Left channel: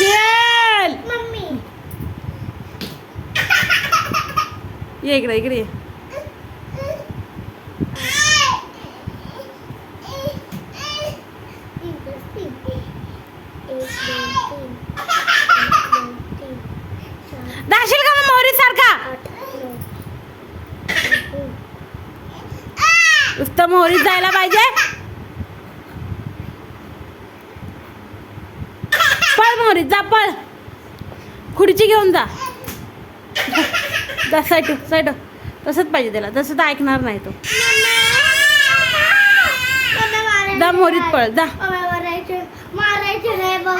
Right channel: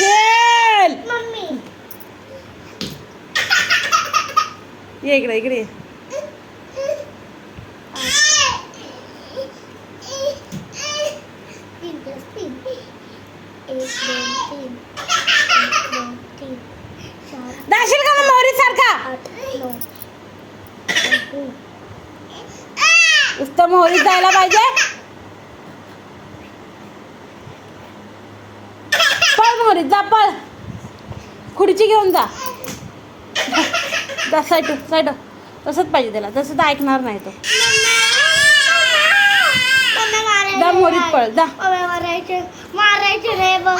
पडशील. मम्मी ये इकडे इकडे ये. दाखशील का मग मोहरीत सारखा नुसतं मोहरीत जायला पाहिजे. पळ मोहरीत जा पळ. खुर्ची घेऊन जा. साईड साईड तसंच पाहिजे त्याला. तसं तर ऐकणार नाही तो. जा मोहरीत पळ जा. मारायचे रे बघ.